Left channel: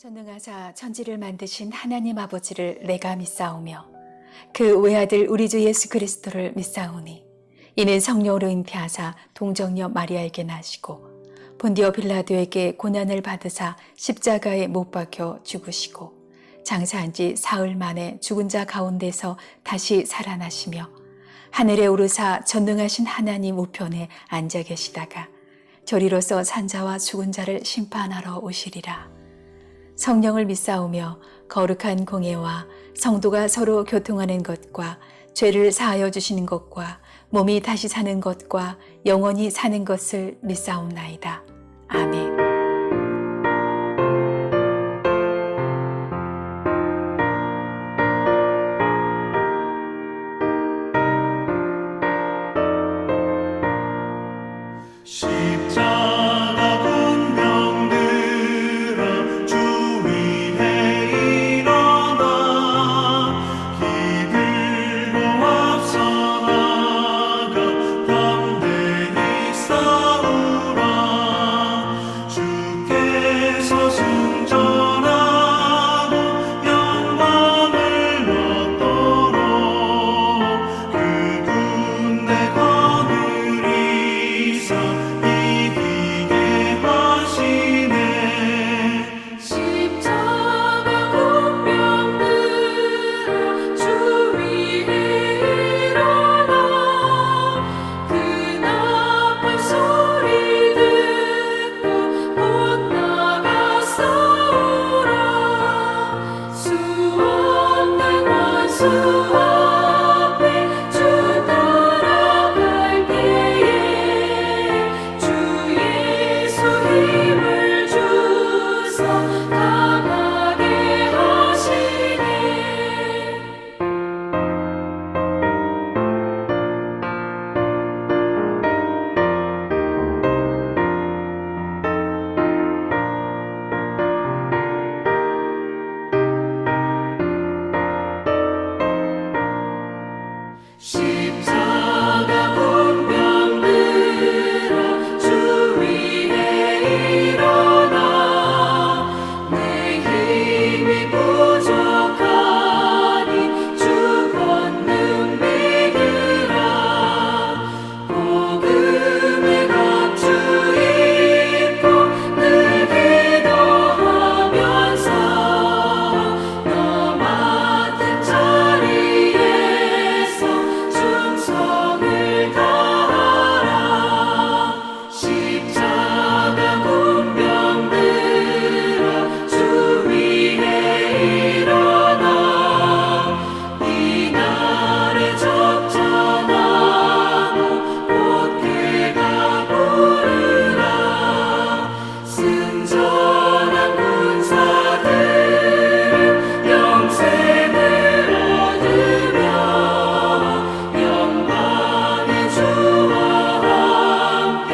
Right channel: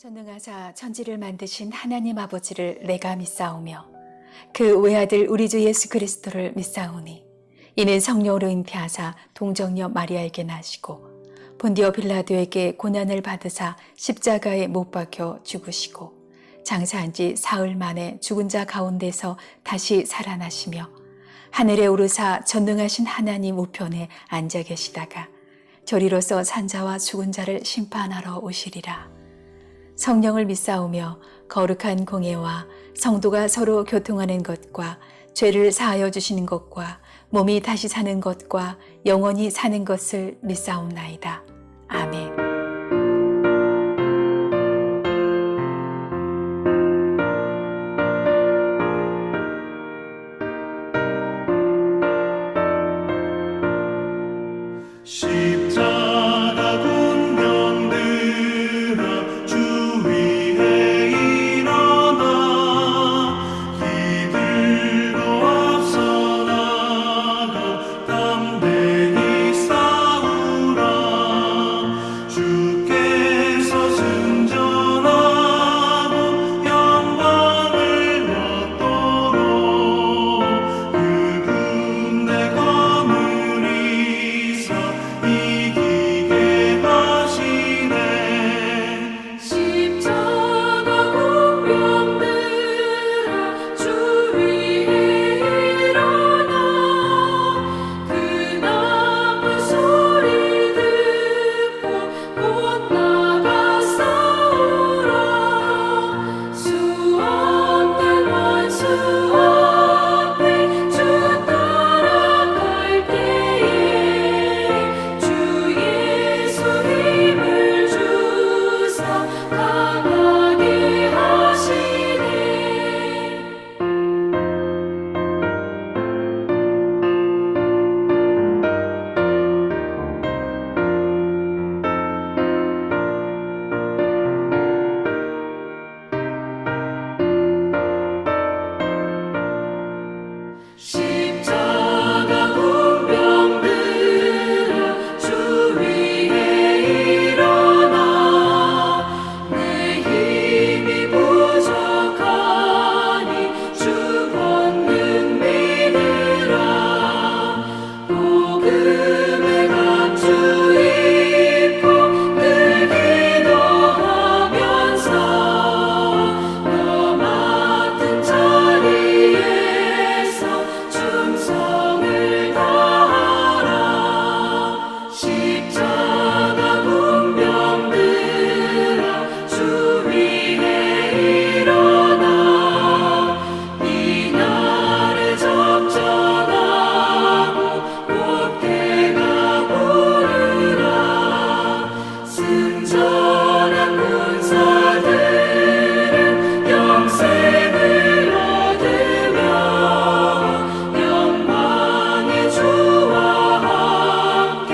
전능하사 천지를 만드신 하나님 아버지를 내가 믿사오며 그 외아들 우리 주 예수 그리스도를 믿사오니 이는 성령으로 잉태하사 동정녀 마리아에게 나시고 본디오 빌라도에게 고난을 받으사 십자가에 못 박혀 죽으시고 장사한 지 사흘 만에 죽은 자 가운데서 다시 살아나시며 하늘에 오르사 전능하신 하나님 우편에 앉아 계시다가 저리로서 산자와 죽은 자를 심판하러 오시리라. 성령을 믿사오며 거룩한 공예와 성도가 서로 교통하는 것과 죄를 사하여 주시는 것과 몸이 다시 사는 것과 영원히 사는 것을 믿사옵나이다. 아멘. 십자가 군병들아 주 위에 일어나 이들로 앞서 나가 담대히 싸우라. 주께서 승전하고 영광을 얻도록 그 군대 거느리사 이기게 하시네. 십자가 군병들아 주 위에 일어나 그 나팔 소리 듣고 곧 나가 싸우라. 수없는 원수 앞에 주 따라갈 때에 주 예수 힘을 주사 강하게 하시네. 십자가 군병들아 주 위에 일어나 내 힘이 부족하니 주 권능 믿으라. 복음의 갑주 입고 늘 기도하면서 너 맡은 자리에서 충성을 다하라. 십자가 군병들아 주 위에 일어나 이 날에 접전하고 꽃게가 부르라. 승전한 군사들은 영생을 얻으며 영광의 주와 함께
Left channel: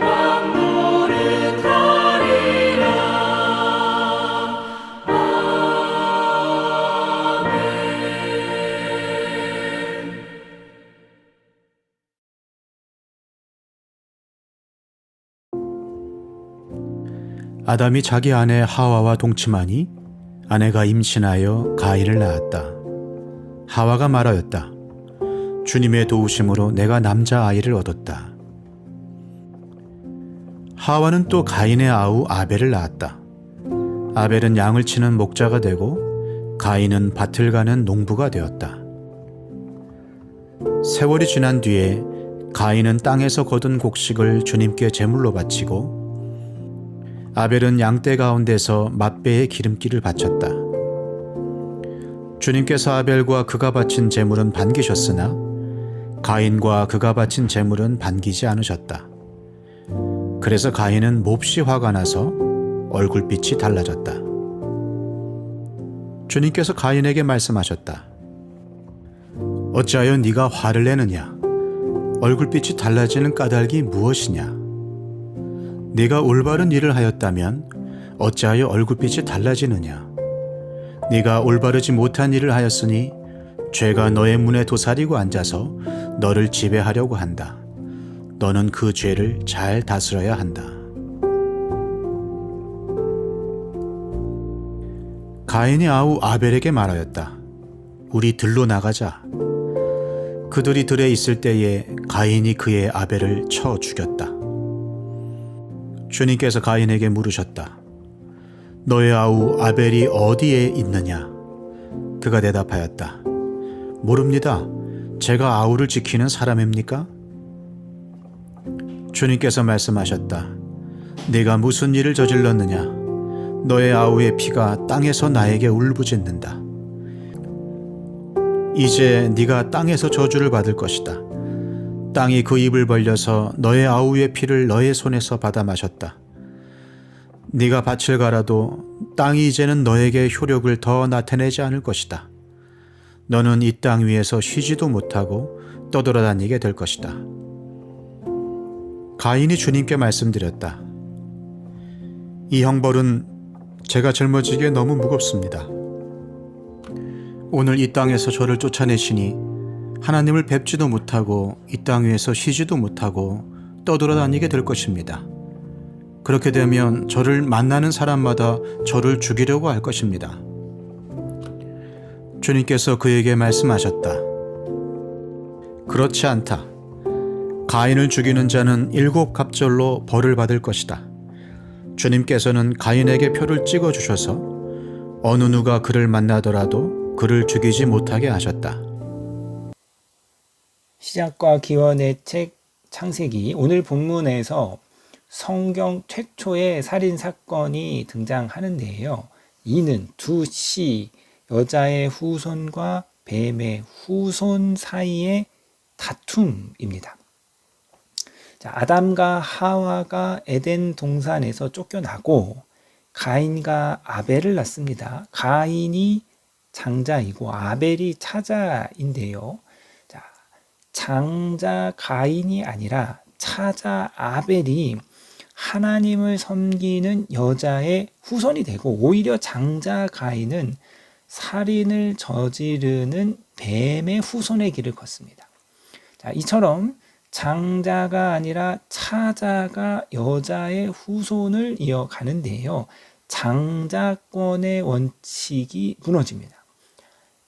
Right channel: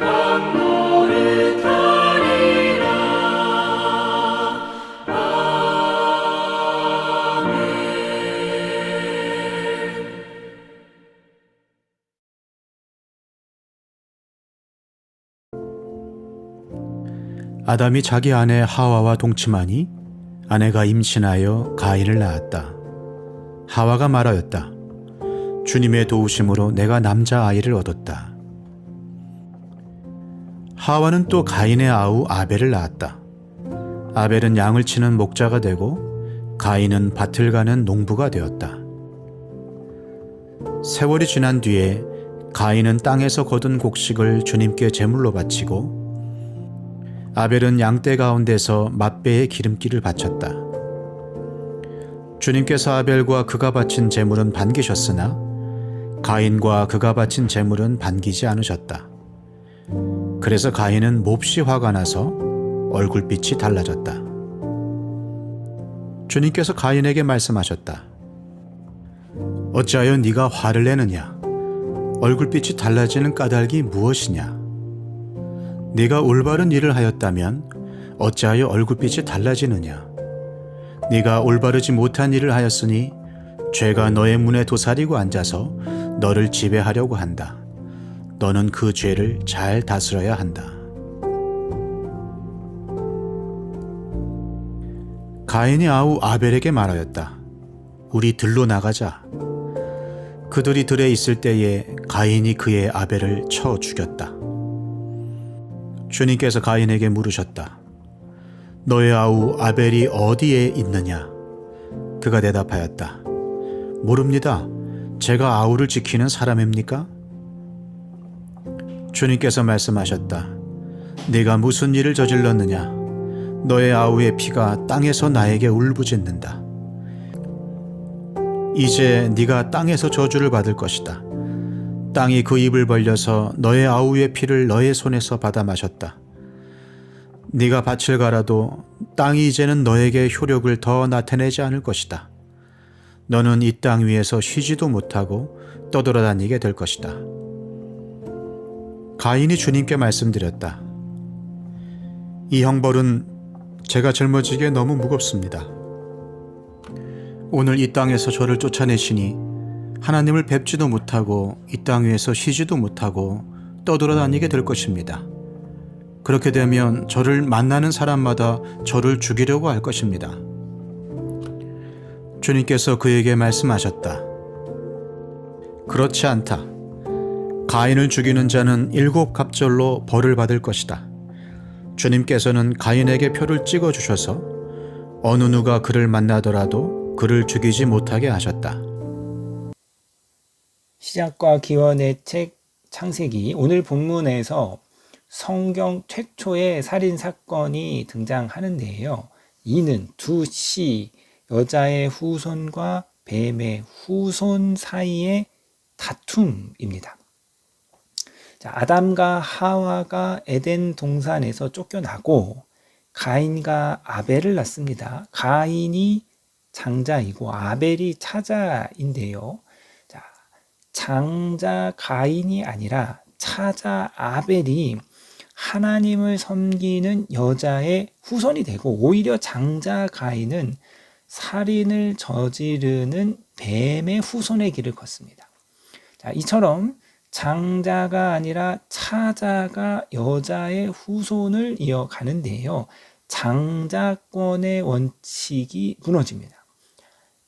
왕 노릇하리라. 아멘. 아담이 자기 아내 하와와 동침하니 아내가 임신하여 가인을 낳았다. 하와가 말하였다. 주님의 도우심으로 내가 남자아이를 얻었다. 하와는 또 가인의 아우 아벨을 낳았다. 아벨은 양을 치는 목자가 되고 가인은 밭을 가는 농부가 되었다. 세월이 지난 뒤에 가인은 땅에서 거둔 곡식을 주님께 제물로 바치고 아벨은 양떼 가운데서 맛배의 기름기를 바쳤다. 주님께서 아벨과 그가 바친 제물은 반기셨으나 가인과 그가 바친 제물은 반기지 않으셨다. 그래서 가인은 몹시 화가 나서 얼굴빛이 달라졌다. 주님께서 가인에게 말씀하셨다. 어찌하여 네가 화를 내느냐? 얼굴빛이 달라지는 까닭이 무엇이냐? 네가 올바른 일을 하였다면 어찌하여 얼굴빛이 달라지느냐? 네가 올바르지 못한 일을 하였으니 죄가 너의 문에 도사리고 앉아서 너를 지배하려고 한다. 너는 그 죄를 잘 다스려야 한다. 가인이 아우 아벨에게 말하였다. 우리 들로 나가자. 그들이 들에 있을 때에 가인이 그의 아벨을 쳐 죽였다. 주님께서 가인에게 물으셨다. 너의 아우 아벨이 어디에 있느냐? 그가 대답하였다. 모릅니다. 제가 아우를 지키는 사람입니까? 주님께서 말씀하셨다. 네가 무슨 일을 저질렀느냐? 너의 아우의 피가 땅에서 나에게 울부짖는다. 이제 네가 땅에서 저주를 받을 것이다. 땅이 그 입을 벌려서 너의 아우의 피를 너의 손에서 받아 마셨다. 네가 밭을 갈아도 땅이 이제는 너에게 효력을 더 나타내지 않을 것이다. 너는 이 땅 위에서 쉬지도 못하고 떠돌아다니게 될 것이다. 가인이 주님께 말씀드렸다. 이 형벌은 제가 짊어지기에 너무 무겁습니다. 오늘 이 땅에서 저를 쫓아내시니 하나님을 뵙지도 못하고 이 땅 위에서 쉬지도 못하고 떠돌아다니게 될 것입니다. 그렇게 되면 저를 만나는 사람마다 저를 죽이려고 할 것입니다. 주님께서 그에게 말씀하셨다. 그렇지 않다. 가인을 죽이는 자는 7갑절로 벌을 받을 것이다. 주님께서는 가인에게 표를 찍어 주셔서 어느 누가 그를 만나더라도 그를 죽이지 못하게 하셨다. 시작과 기원의 책 창세기, 오늘 본문에서 성경 최초의 살인 사건이 등장하는데요. 이는 두 씨, 여자의 후손과 뱀의 후손 사이의 다툼입니다. 자, 아담과 하와가 에덴 동산에서 쫓겨나고 가인과 아벨을 낳습니다. 가인이 장자이고 아벨이 차자인데요. 자, 장자 가인이 아니라 차자 아벨이 하나님을 섬기는 여자의 후손이 되고, 오히려 장자 가인은 살인을 저지르는 뱀의 후손의 길을 걷습니다. 자, 이처럼 장자가 아니라 차자가 여자의 후손을 이어가는데요. 장자권의 원칙이 무너집니다.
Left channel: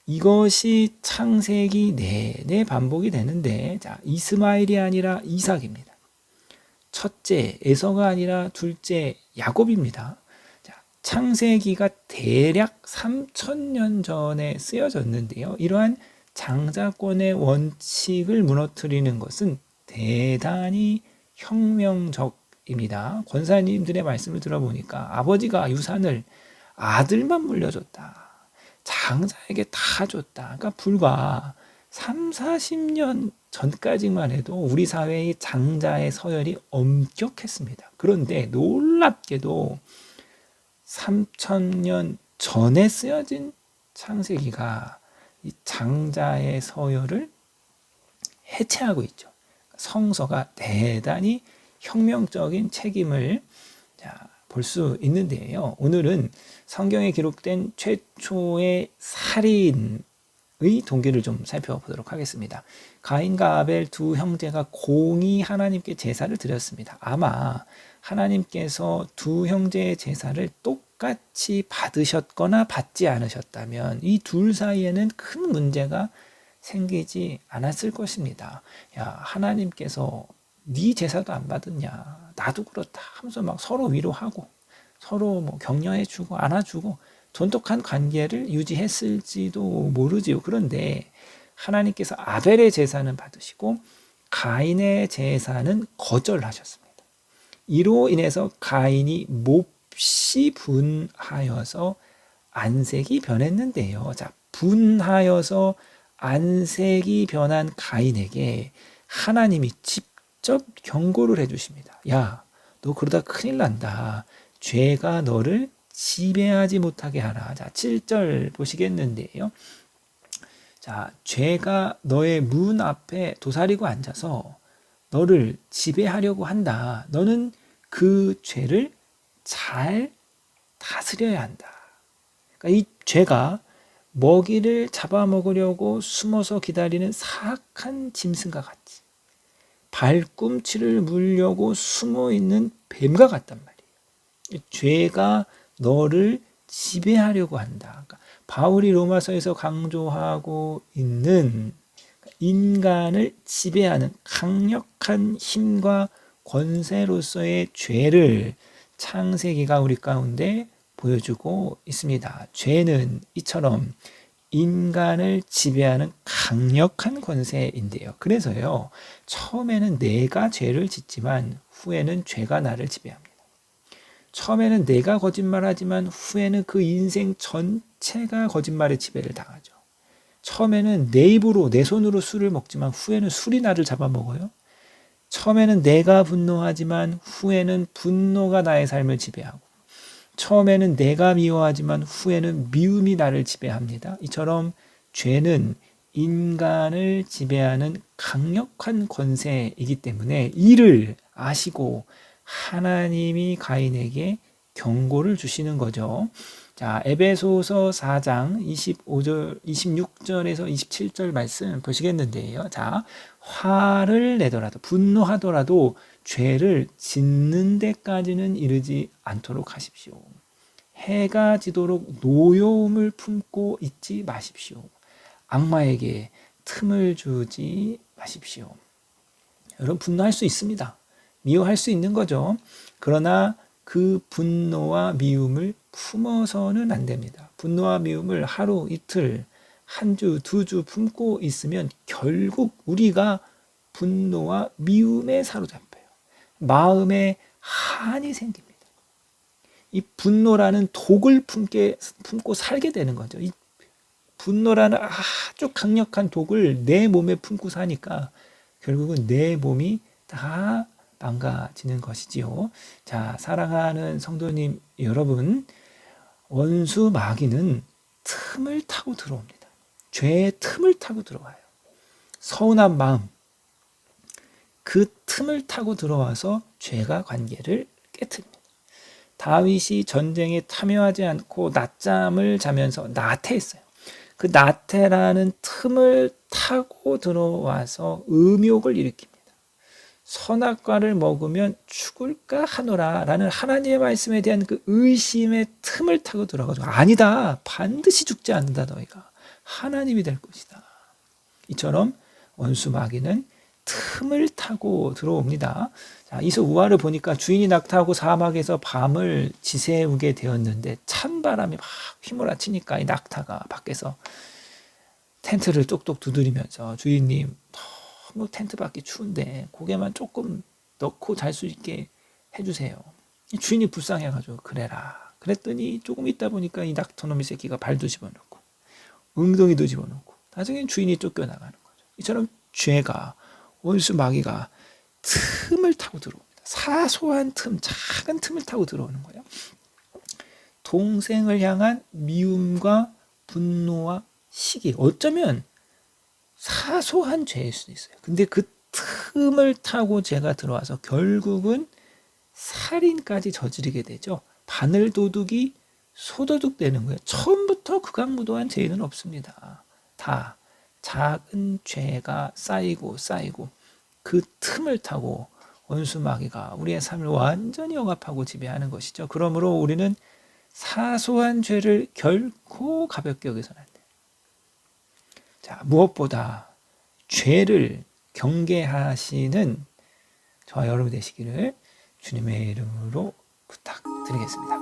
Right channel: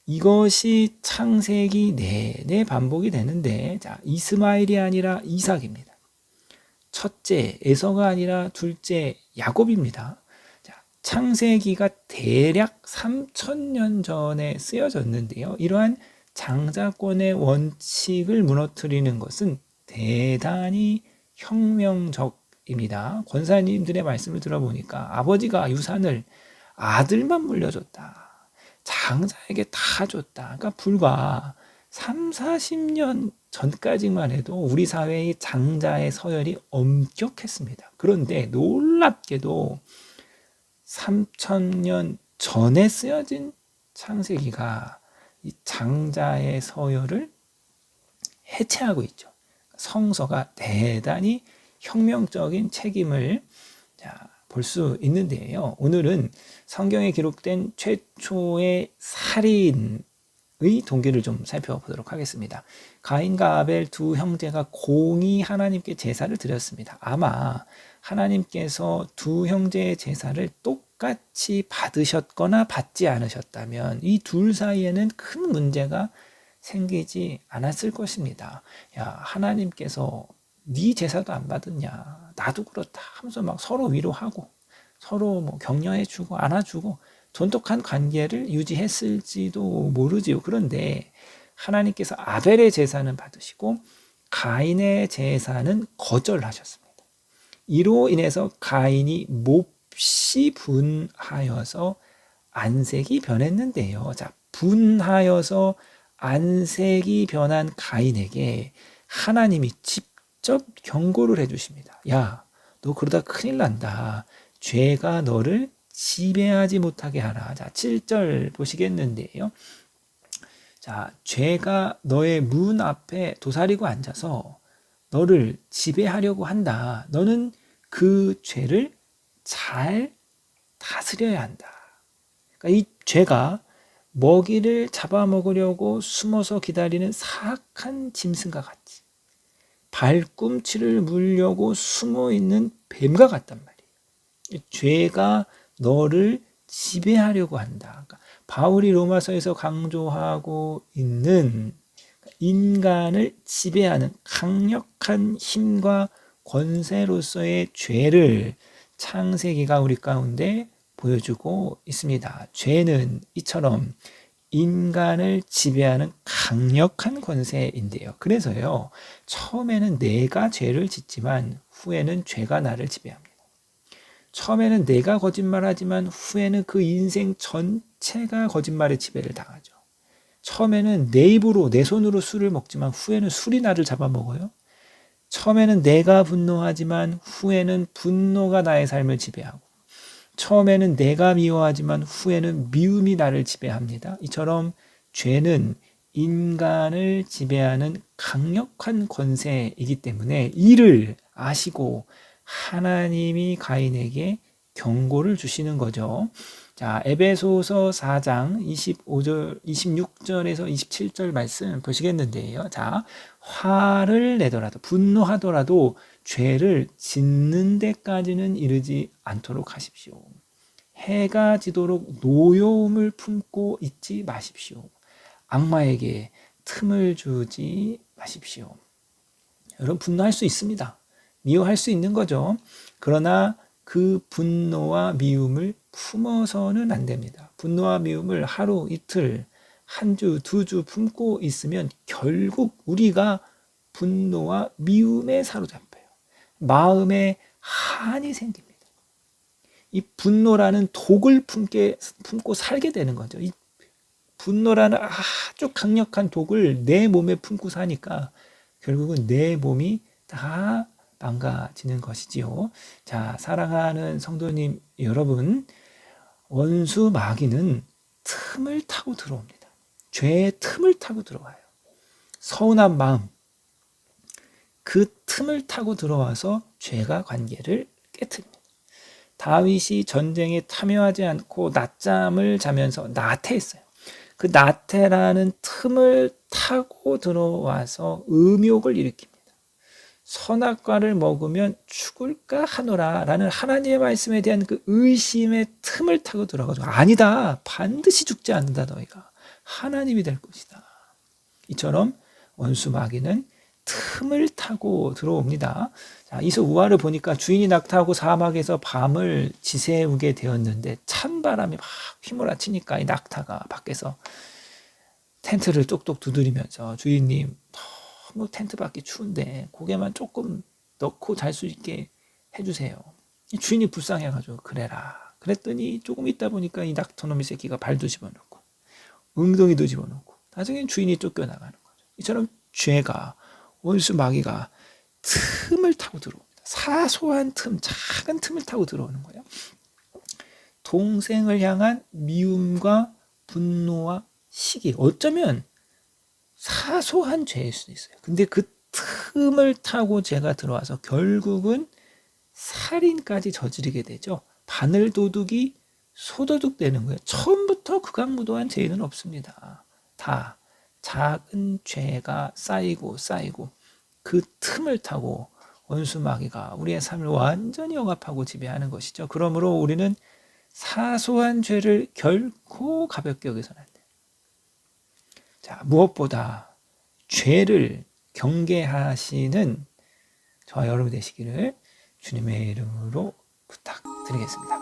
이것이 창세기 내내 반복이 되는데, 자, 이스마엘이 아니라 이삭입니다. 첫째 에서가 아니라 둘째 야곱입니다. 자, 창세기가 대략 3000년 전에 쓰여졌는데요. 이러한 장자권의 원칙을 무너뜨리는 것은 대단히 혁명적입니다. 권사님들의 말씀을 들어보니까 아버지가 유산을 아들만 물려줬다. 장자에게 다 줬다. 그러니까 불과 30-40년 전까지만 해도 우리 사회의 장자의 서열이 엄격했습니다. 그런데 놀랍게도 3000년 전에 쓰여진 창세기가 이 장자의 서열을 해체하고 있죠. 성서가 대단히 혁명적인 책임을 볼 수 있는데요. 오늘은 성경에 기록된 최초의 살인의 동기를 좀 살펴보도록 하겠습니다. 가인과 아벨 두 형제가 공히 하나님께 제사를 드렸습니다. 아마 하나님께서 두 형제의 제사를 똑같이 받으셨거나 받지 않으셨다면 이 둘 사이에는 큰 문제가 생기지 않았을 것입니다. 야, 하나님께서 네 제사도 안 받았냐, 나도 그렇다 하면서 막 서로 위로하고 서로 뭐 격려해주고 안아주고 돈독한 관계를 유지했을지도 모르지요. 그런데 하나님께서 아벨의 제사는 받으시고 가인의 제사는 거절하셨습니다. 이로 인해서 가인이 몹시 분하여서 안색이 변했는데요. 자, 분하여서 안색이 변한 가인에게 하나님이 직접 경고를 해주십니다. 야, 너 그러다 큰일 난다. 죄가 너를 지배하지 못하게 하라. 자, 7절 보시겠는데요. 자, 죄가 너의 문 앞에 도사리고 앉아서 너를 지배하려고 한다. 너는 그 죄를 잘 다스려야 한다. 그러니까 이 죄가 먹이를 잡아먹으려고 숨어서 기다리는 사악한 짐승과 같이, 발꿈치를 물려고 숨어있는 뱀과 같단 말이에요. 죄가 너를 지배하려고 한다. 그러니까 바울이 로마서에서 강조하고 있는 인간을 지배하는 강력한 힘과 권세로서의 죄를 창세기가 우리 가운데 보여주고 있습니다. 죄는 이처럼 인간을 지배하는 강력한 권세인데요. 그래서요, 처음에는 내가 죄를 짓지만 후에는 죄가 나를 지배합니다. 처음에는 내가 거짓말하지만 후에는 그 인생 전체가 거짓말의 지배를 당하죠. 처음에는 내 입으로, 내 손으로 술을 먹지만 후에는 술이 나를 잡아먹어요. 처음에는 내가 분노하지만 후에는 분노가 나의 삶을 지배하고, 처음에는 내가 미워하지만 후에는 미움이 나를 지배합니다. 이처럼 죄는 인간을 지배하는 강력한 권세이기 때문에 이를 아시고 하나님이 가인에게 경고를 주시는 거죠. 자, 에베소서 4장 26절에서 27절 말씀 보시겠는데요. 자, 화를 내더라도, 분노하더라도 죄를 짓는 데까지는 이르지 않도록 하십시오. 해가 지도록 노여움을 품고 있지 마십시오. 악마에게 틈을 주지 마십시오. 여러분, 분노할 수 있습니다. 미워할 수 있는 거죠. 그러나 그 분노와 미움을 품어서는 안 됩니다. 분노와 미움을 하루, 이틀, 한 주, 두 주 품고 있으면 결국 우리가 분노와 미움에 사로잡혀요. 마음에 한이 생깁니다. 이 분노라는 독을 품고 살게 되는 거죠. 이 분노라는 아주 강력한 독을 내 몸에 품고 사니까 결국은 내 몸이 다 망가지는 것이지요. 자, 사랑하는 성도님 여러분, 원수 마귀는 틈을 타고 들어옵니다. 죄의 틈을 타고 들어와요. 서운한 마음, 그 틈을 타고 들어와서 죄가 관계를 깨트립니다. 다윗이 전쟁에 참여하지 않고 낮잠을 자면서 나태했어요. 그 나태라는 틈을 타고 들어와서 음욕을 일으킵니다. 선악과를 먹으면 죽을까 하노라 라는 하나님의 말씀에 대한 그 의심의 틈을 타고 들어가지고, 아니다, 반드시 죽지 않는다, 너희가 하나님이 될 것이다. 이처럼 원수 마귀는 틈을 타고 들어옵니다. 자, 이서 우화를 보니까 주인이 낙타하고 사막에서 밤을 지새우게 되었는데 찬바람이 막 휘몰아치니까 이 낙타가 밖에서 텐트를 똑똑 두드리면서, 주인님, 너무 텐트 밖이 추운데 고개만 조금 넣고 잘 수 있게 해주세요. 주인이 불쌍해가지고 그래라. 그랬더니 조금 있다 보니까 이 낙타놈의 새끼가 발도 집어넣고 엉덩이도 집어넣고 나중엔 주인이 쫓겨나가는 거죠. 이처럼 죄가, 원수 마귀가 틈을 타고 들어옵니다. 사소한 틈, 작은 틈을 타고 들어오는 거예요. 동생을 향한 미움과 분노와 시기, 어쩌면 사소한 죄일 수도 있어요. 근데 그 틈을 타고 죄가 들어와서 결국은 살인까지 저지르게 되죠. 바늘도둑이 소도둑 되는 거예요. 처음부터 극악무도한 죄는 없습니다. 다 작은 죄가 쌓이고 그 틈을 타고 원수 마귀가 우리의 삶을 완전히 억압하고 지배하는 것이죠. 그러므로 우리는 사소한 죄를 결코 가볍게 여기서는 안 돼요. 자, 무엇보다 죄를 경계하시는 저와 여러분 되시기를 주님의 이름으로 부탁드리겠습니다.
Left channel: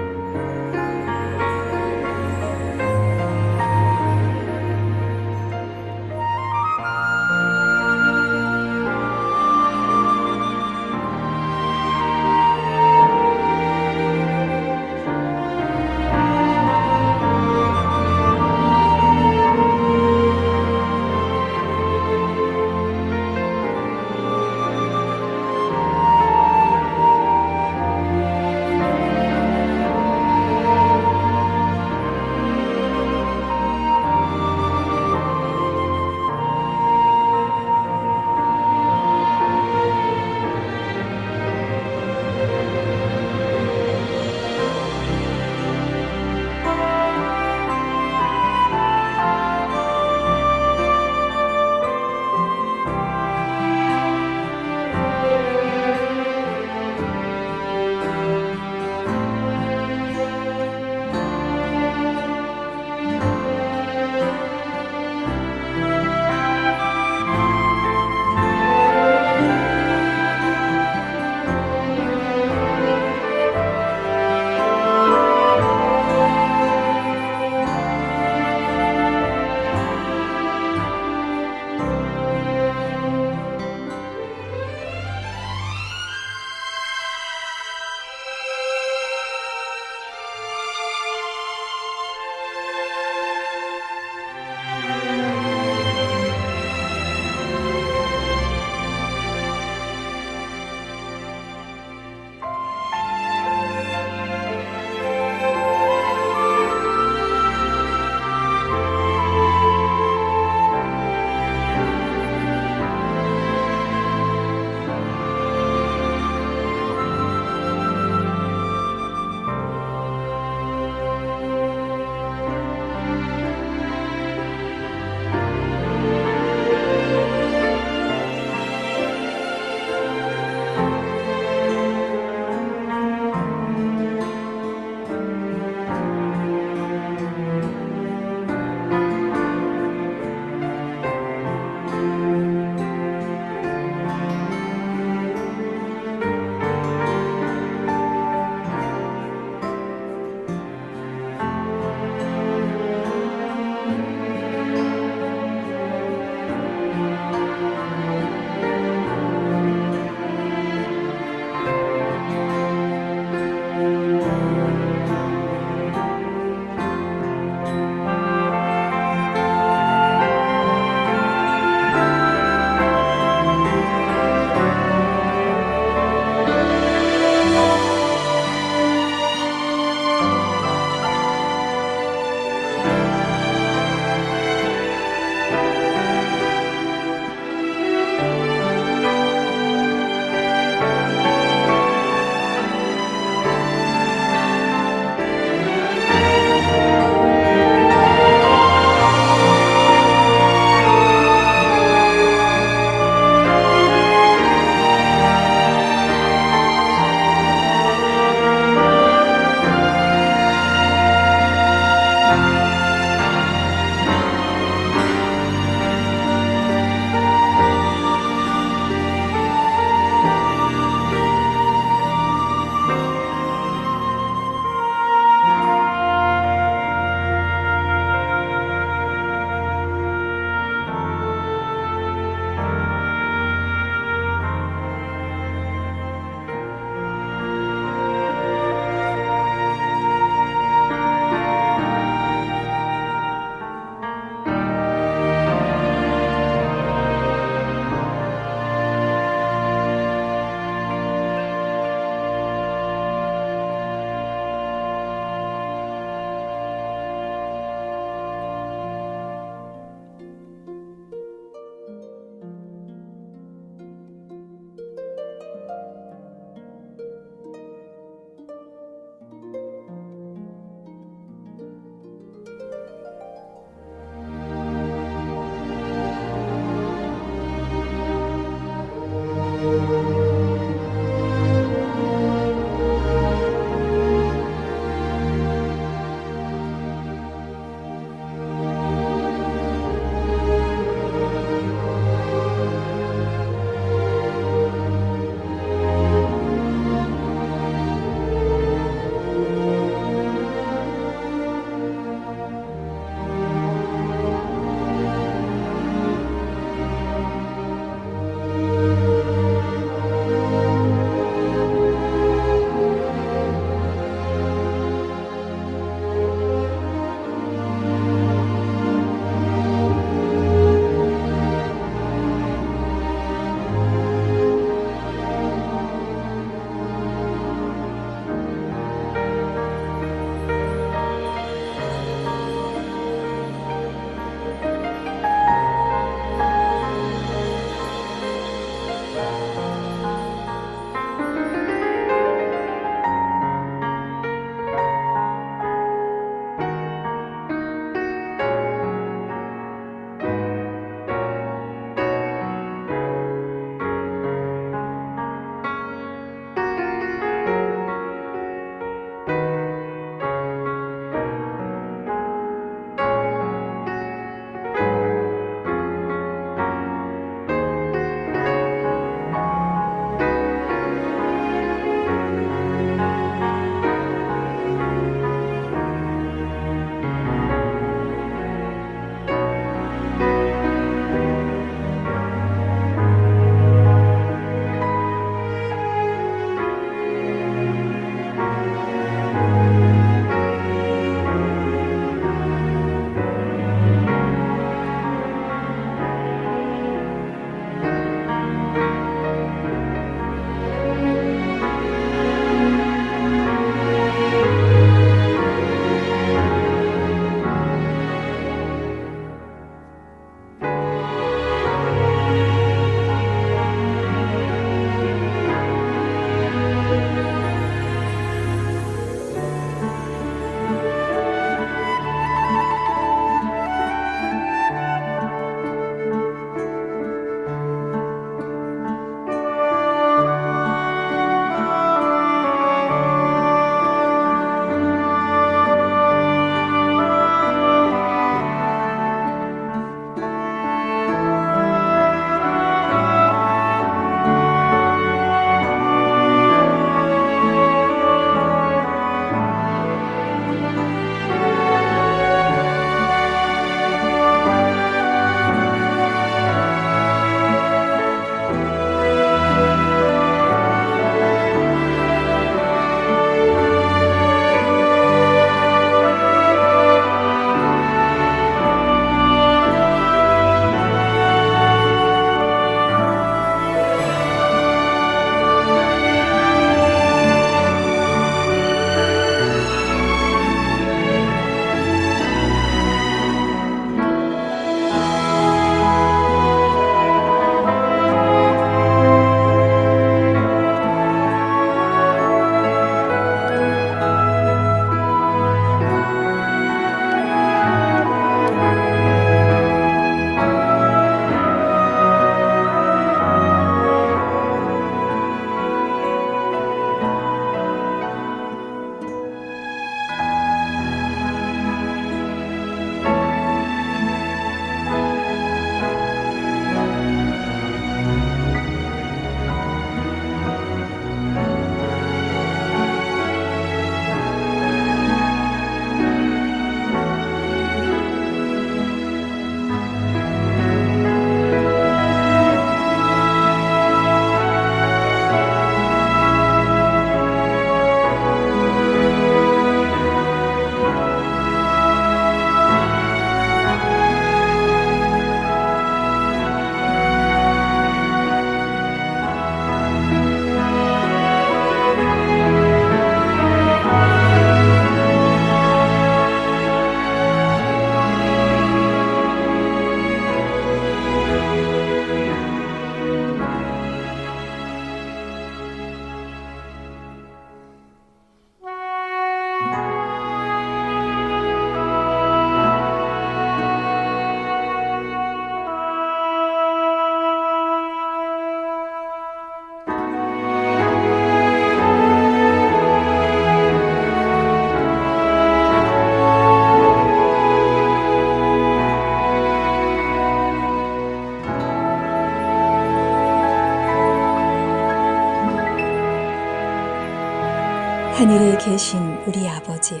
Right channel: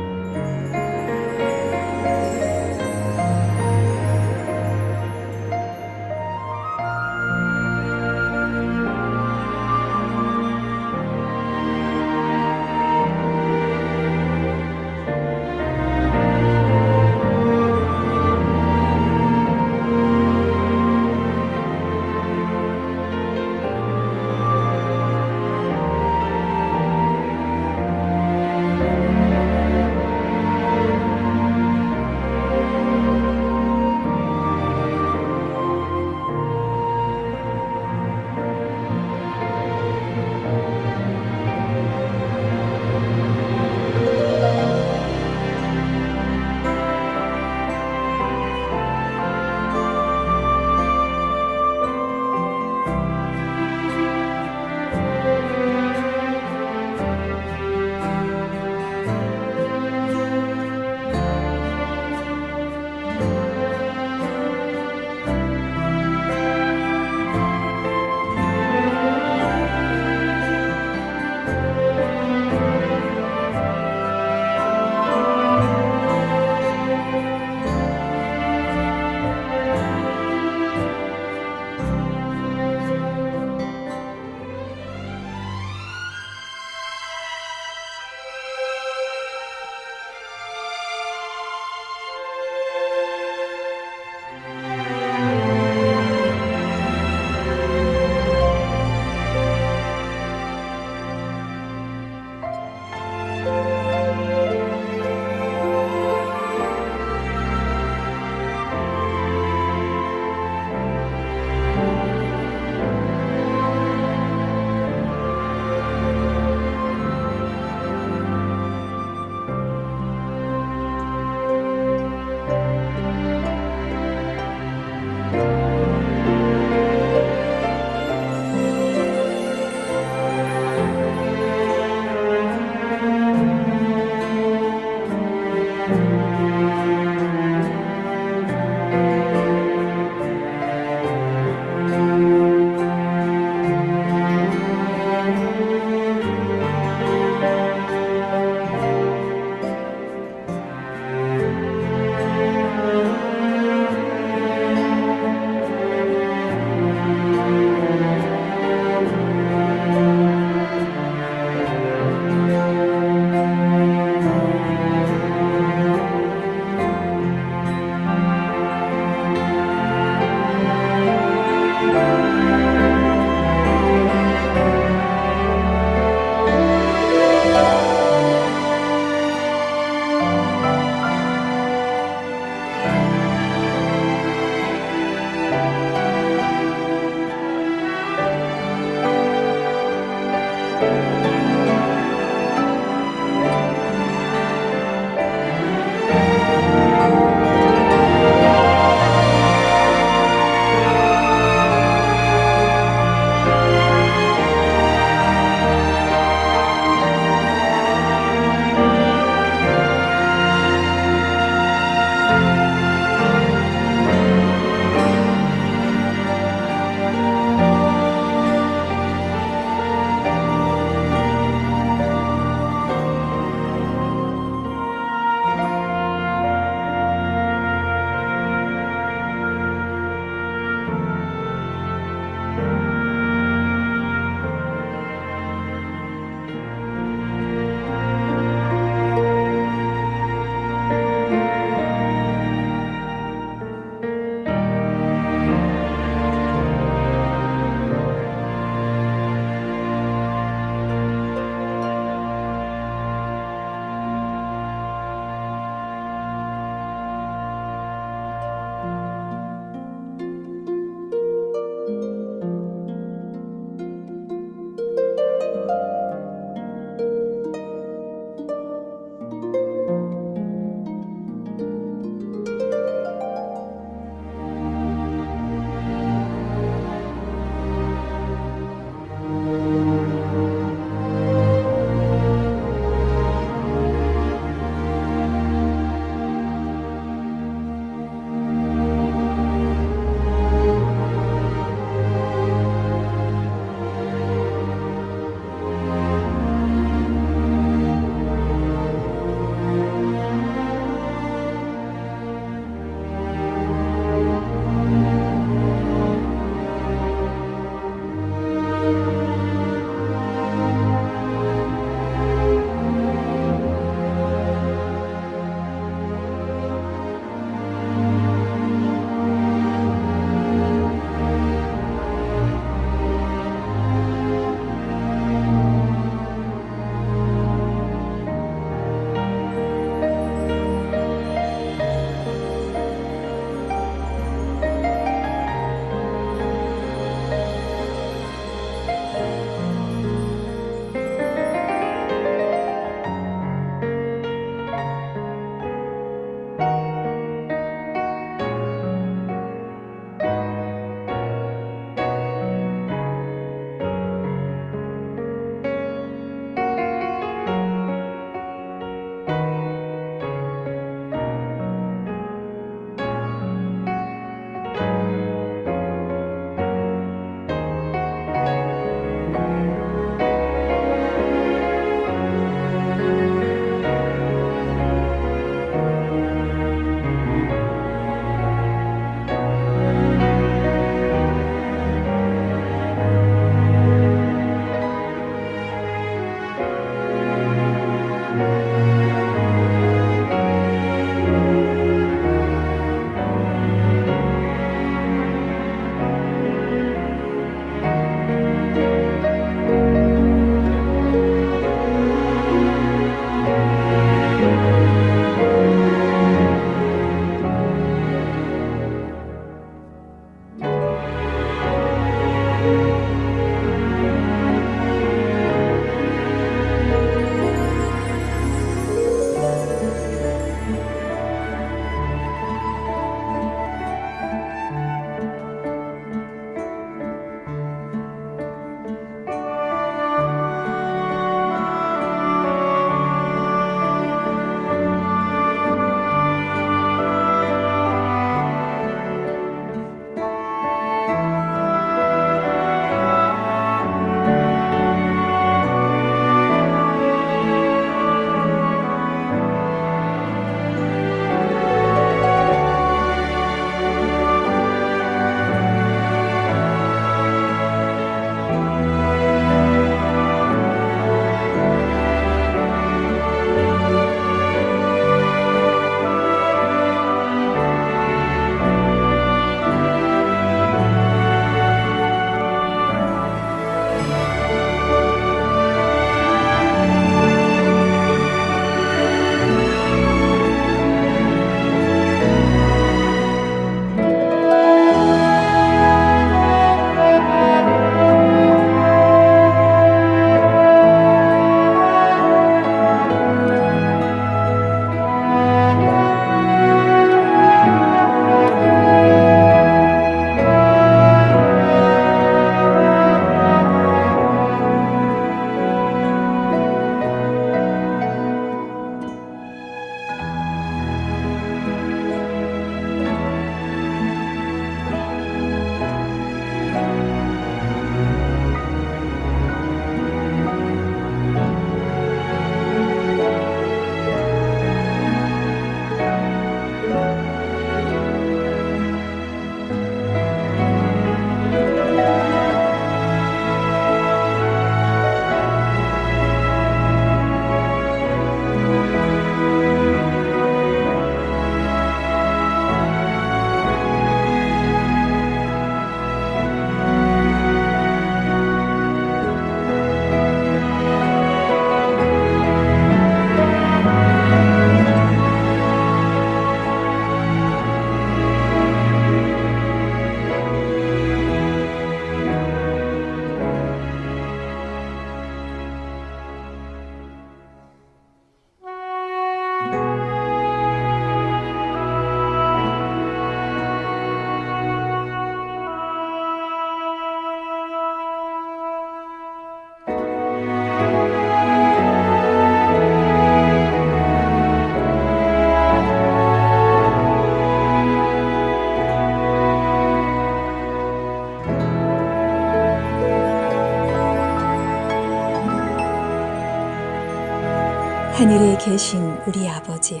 하늘에 계신 우리 아버지여,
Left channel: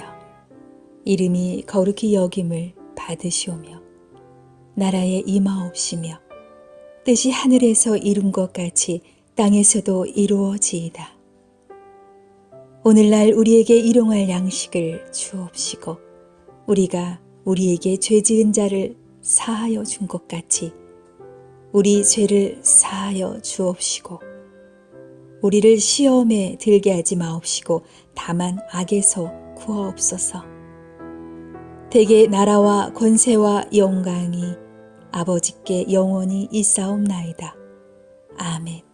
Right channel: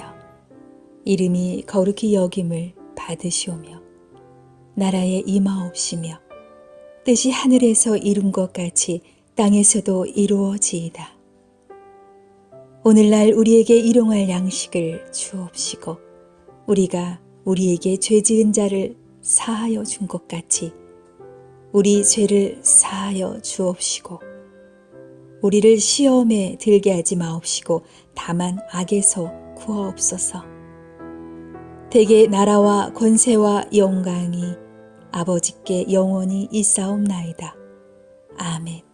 이름이 거룩히 여김을 받으시오며 나라에 임하옵시며 뜻이 하늘에서 이룬 것 같이 땅에서도 이루어지이다. 오늘날 우리에게 일용할 양식을 주옵시고 우리가 우리에게 죄 지은 자를 사하여 준 것 같이 우리 죄를 사하여 주옵시고 우리를 시험에 들게 하지 마옵시고 다만 악에서 구하옵소서. 대개 나라와 권세와 영광이 아버지께 영원히 있사옵나이다. 아멘.